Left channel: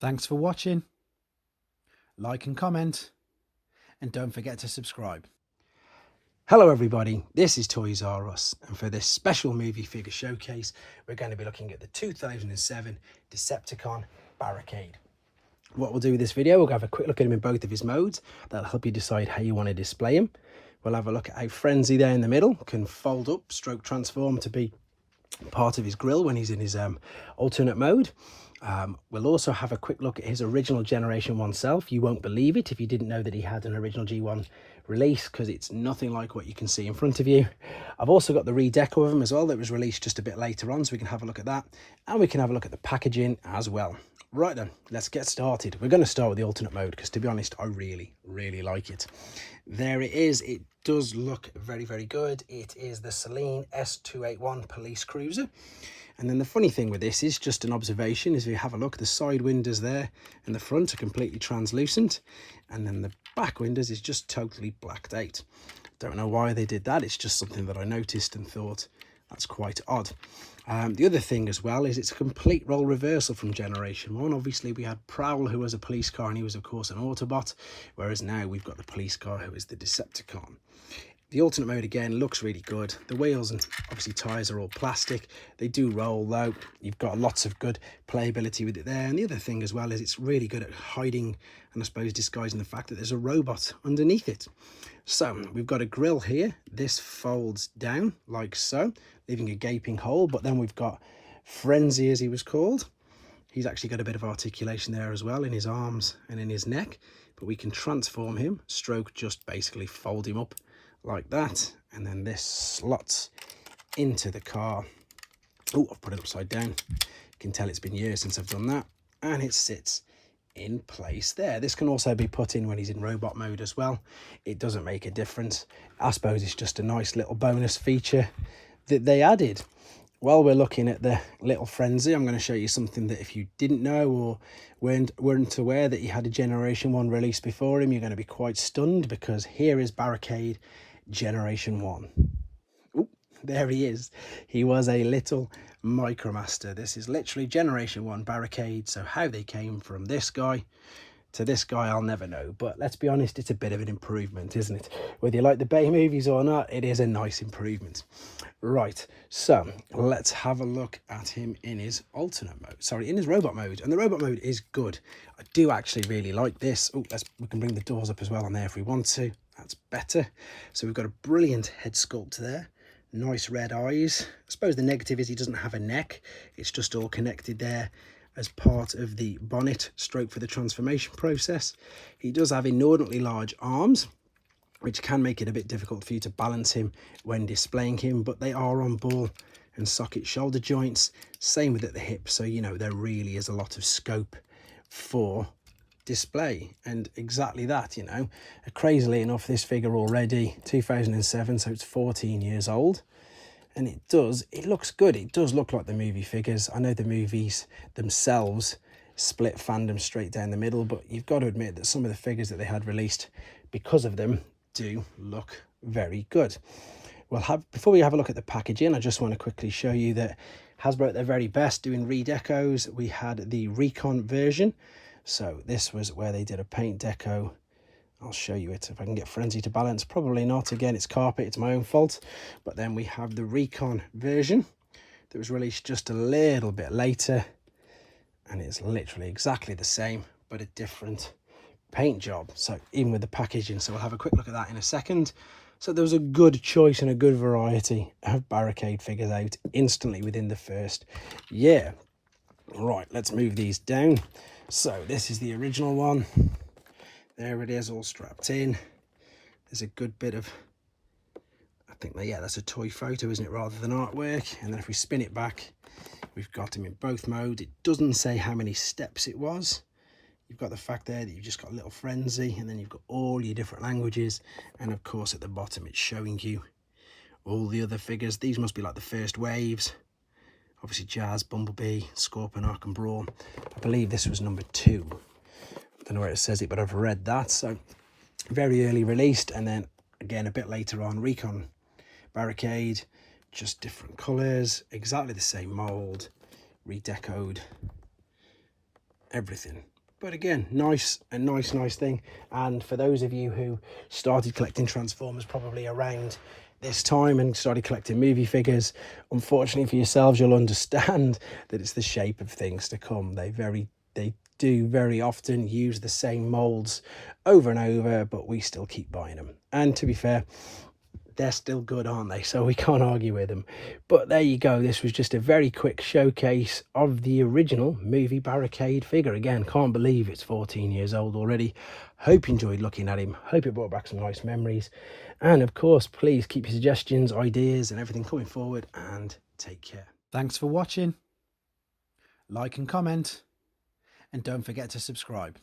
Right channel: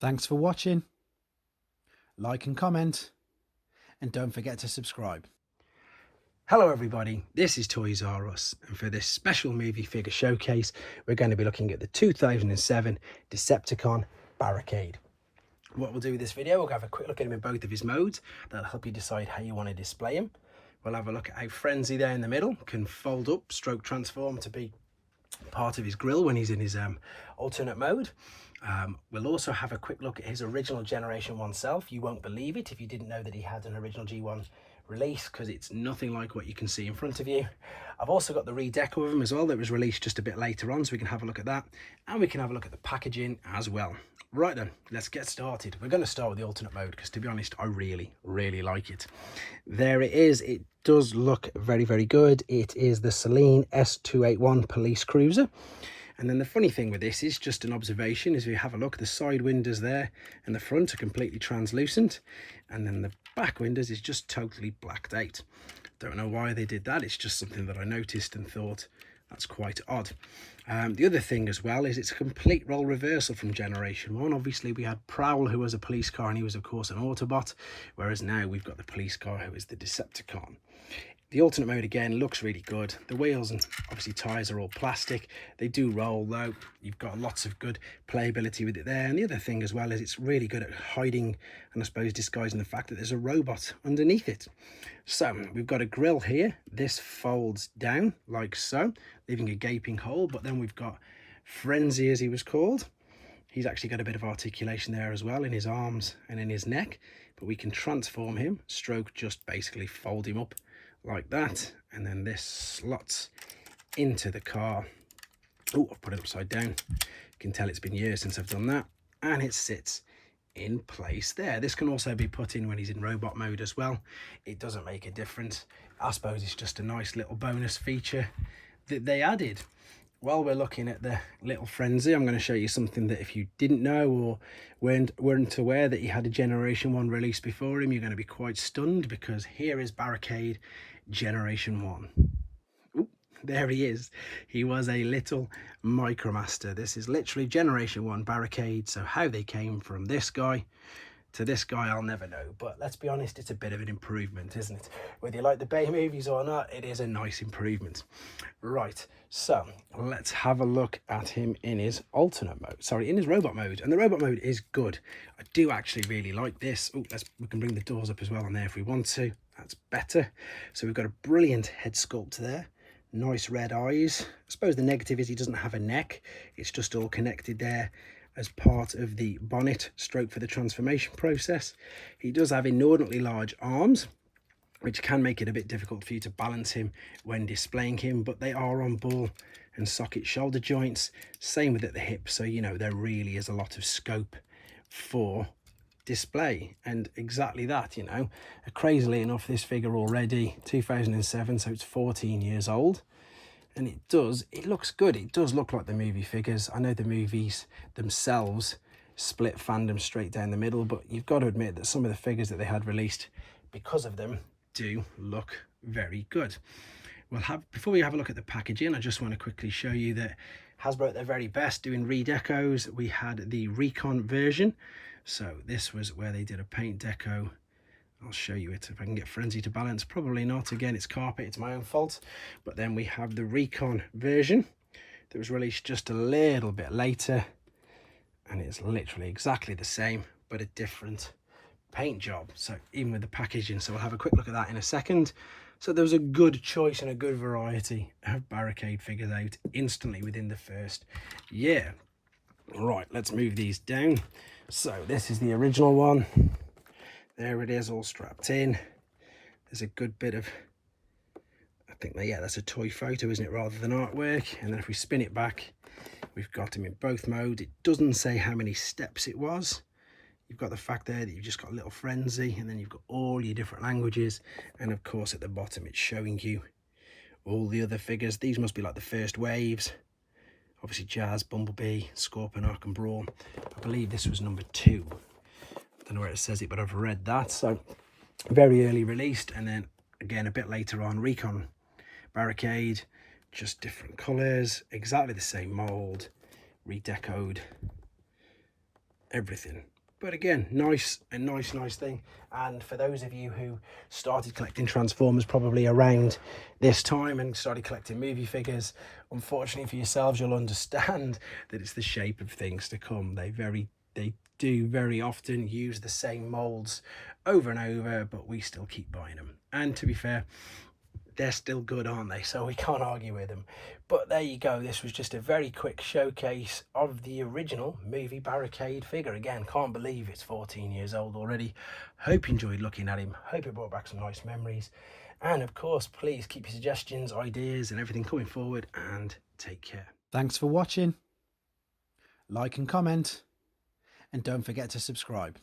Thanks for watching. Like and comment, and don't forget to subscribe. Hello everybody, this is Toys R Us, and for this special movie figure showcase we're going to be looking at the 2007 Decepticon Barricade. What we'll do with this video, we'll have a quick look at him in both of his modes. That'll help you decide how you want to display him. We'll have a look at how Frenzy there in the middle can fold up, stroke transform to be part of his grill when he's in his alternate mode. We'll also have a quick look at his original Generation 1 self. You won't believe it if you didn't know that he had an original G1 release, because it's nothing like what you can see in front of you. I've also got the Redeco of him as well that was released just a bit later on, so we can have a look at that, and we can have a look at the packaging as well. Right then, let's get started. We're going to start with the alternate mode because, to be honest, I really like it. There it is. It does look very good. It is the Celine S281 police cruiser. And then the funny thing with this is, just an observation, is if you have a look, the side windows there and the front are completely translucent, and then the back windows is just totally blacked out. Don't know why they did that. It's just something that I noticed and thought that's quite odd. The other thing as well is it's a complete role reversal from Generation 1. Obviously we had Prowl, who was a police car, and he was of course an Autobot, whereas now we've got the police car, who is the Decepticon. The alternate mode again looks really good. The wheels and obviously tyres are all plastic. They do roll though. You've got lots of good playability with it there. And the other thing as well is it's really good at hiding and I suppose disguising the fact that there's a robot underneath it. So we've got a grill here. This folds down like so, leaving a gaping hole. But then we've got Frenzy, as he was called. He's actually got a bit of articulation there as well in his arms and in his neck. But we can transform him, stroke just basically fold him up like that, and then this slots into the car. Oh, I've put it upside down. You can tell it's been years since I've done that, and it sits in place there. This can also be put in when he's in robot mode as well. It doesn't make a difference. I suppose it's just a nice little bonus feature that they added. While we're looking at the little Frenzy, I'm going to show you something that if you didn't know or weren't aware that he had a Generation 1 release before him, you're going to be quite stunned, because here is Barricade Generation 1. Ooh, there he is. He was a little Micromaster. This is literally Generation 1 Barricade. So how they came from this guy to this guy, I'll never know. But let's be honest, it's a bit of an improvement, isn't it? Whether you like the Bay movies or not, it is a nice improvement. Right, so let's have a look at him in his alternate mode. Sorry, in his robot mode. And the robot mode is good. I do actually really like this. Oh, we can bring the doors up as well on there if we want to. That's better. So we've got a brilliant head sculpt there. Nice red eyes. I suppose the negative is he doesn't have a neck. It's just all connected there as part of the bonnet stroke for the transformation process. He does have inordinately large arms, which can make it a bit difficult for you to balance him when displaying him, but they are on ball and socket shoulder joints. Same with at the hip, so you know there really is a lot of scope for display. And exactly that, you know, crazily enough, this figure already 2007, so it's 14 years old. And it looks good. It does look like the movie figures. I know the movies themselves split fandom straight down the middle, but you've got to admit that some of the figures that they had released because of them do look very good. Before we have a look at the packaging, I just want to quickly show you that Hasbro at their very best doing redecos. We had the recon version. So this was where they did a paint deco. I'll show you it if I can get Frenzy to balance. Probably not. Again, it's carpet. It's my own fault. But then we have the recon version that was released just a little bit later. And it's literally exactly the same, but a different paint job. So even with the packaging. So we'll have a quick look at that in a second. So there was a good choice and a good variety of Barricade figures out instantly within the first year. Right, let's move these down. So this is the original one. There it is, all strapped in. There's a good bit of, I think, yeah, that's a toy photo, isn't it, rather than artwork. And then if we spin it back, we've got him in both modes. It doesn't say how many steps it was. You've got the fact there that you've just got a little Frenzy, and then you've got all your different languages. And of course, at the bottom, it's showing you all the other figures. These must be like the first waves. Obviously, Jazz, Bumblebee, Scorpion, Ark and Brawl. I believe this was number 2. Don't know where it says it, but I've read that. So very early released, and then again a bit later on Recon Barricade, just different colors, exactly the same mold, redecoed everything. But again, nice thing. And for those of you who started collecting Transformers probably around this time and started collecting movie figures, unfortunately for yourselves, you'll understand that it's the shape of things to come. They do very often use the same molds over and over, but we still keep buying them. And to be fair, they're still good, aren't they? So we can't argue with them. But there you go. This was just a very quick showcase of the original movie Barricade figure. Again, can't believe it's 14 years old already. Hope you enjoyed looking at him. Hope it brought back some nice memories. And of course, please keep your suggestions, ideas and everything coming forward, and take care. Thanks for watching. Like and comment, and don't forget to subscribe.